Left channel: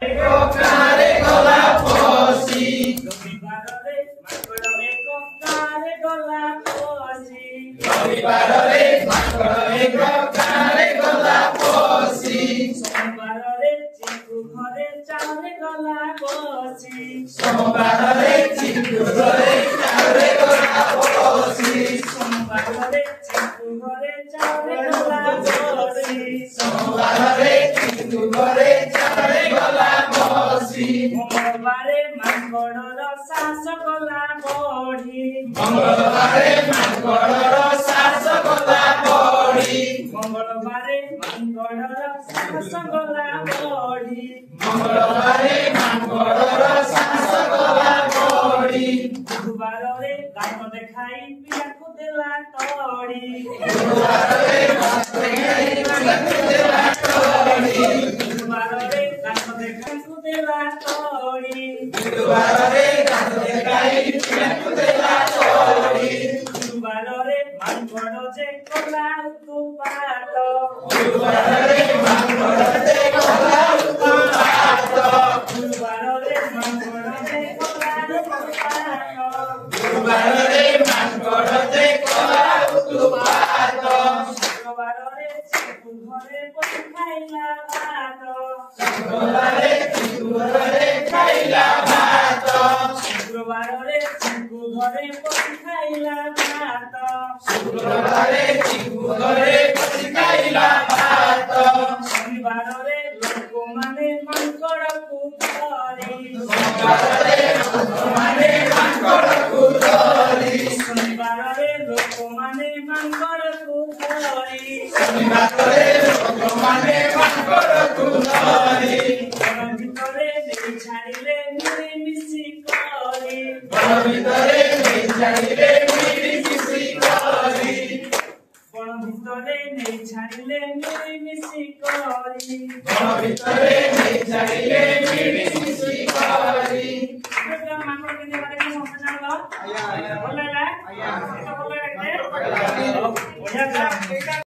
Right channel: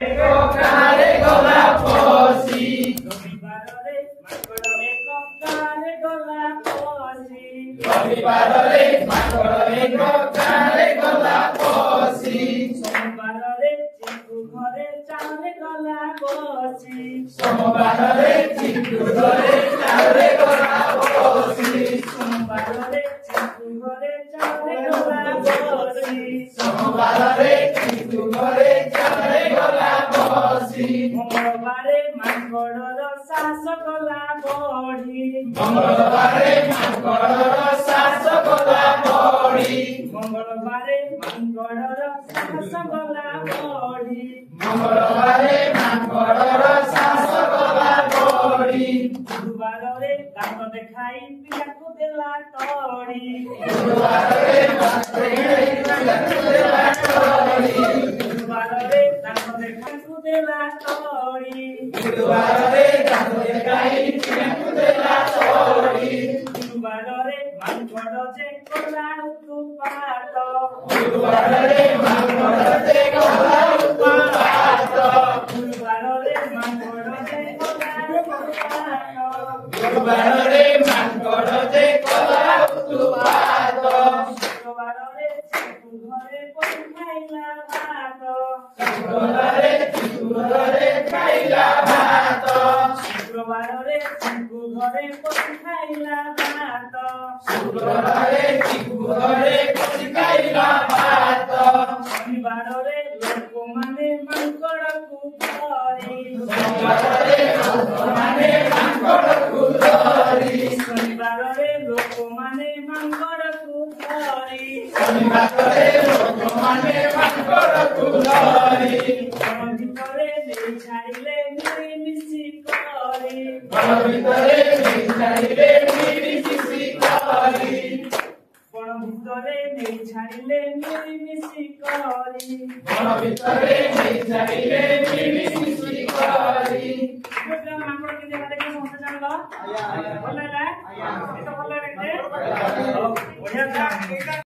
Ekokare gola posi. Robibarore makoro ekokare gola posi. Robibarore makoro ekokare gola posi. Somabarore chiku ঘরে চাউলে গলা বসি। Somabarore chiku ঘরে চাউলে গলা বসি। সোমবারে চিকু ঘরে চাউলে গলা বসি। সোমবারে চিকু ঘরে চাউলে গলা বসি। মঙ্গলবারে মাঙ্গড়র শাস গলা বড়ি। মঙ্গলবারে মাঙ্গড়র শাস গলা বড়ি। মঙ্গলবারে মাঙ্গড়র শাস গলা বড়ি। মঙ্গলবারে মাঙ্গড়র শাস গলা বড়ি। গুরুবারে দাঁত দেখাই পিয়াকু দেলা তড়ি। গুরুবারে দাঁত দেখাই পিয়াকু দেলা তড়ি। গুরুবারে দাঁত দেখাকু দেলা তড়ি। গুরুবারে দাঁত দেখাই পিয়াকু দেলা তড়ি। গুরুবারে মাঙ্গড় যে কলা উৎপাত। গুরুবারে মাঙ্গড় যে কলা উৎপাত। গুরুবারে মাঙ্গড় যে কলা উৎপাত। গুরুবারে মাঙ্গড় যে কলা উৎপাত। শুক্রবারে চিকু ঘরে পড়ি খাইলা ভাত। শুক্রবারে চিকু ঘরে খাইলা ভাত। শুক্রবারে চিকু ঘরে পড়ি খাইলা ভাত। শুক্রবারে চিকু ঘরে পড়ি খাইলা ভাত। শনিবারে লোকমানে মাঙ্গড়କୁ ଧରି। শনিবারে ଲୋକମାନେ ମାଙ୍କଡକୁ ଧରି। ଶନିବାରରେ ଲୋକମାନେ ମାଙ୍କଡକୁ ଧରି। ଶନିବାରରେ ଲୋକମାନେ ମାଙ୍କଡକୁ ଧରି। ବଣ ଭିତରେ ନେଇ ଛାଡ଼ିଲେ ମିଳିମିଶି କରି। ବଣ ଭିତରେ ନେଇ ଛାଡ଼ିଲେ ମିଳିମିଶି କରି। ବଣ ଭିତରେ ନେଇ ଛାଡ଼ିଲେ ମିଳିମିଶି କରି। ବଣ ଭିତରେ ନେଇ ଛାଡ଼ିଲେ ମିଳିମିଶି କରି। ମାଙ୍କଡ କେମିତି ଦେଖ ସମସ୍ତେ ଜାଣିଲ ଭଲ ଲାଗିଲା? ଭଲ ଲାଗିଲା? ବଢିଆ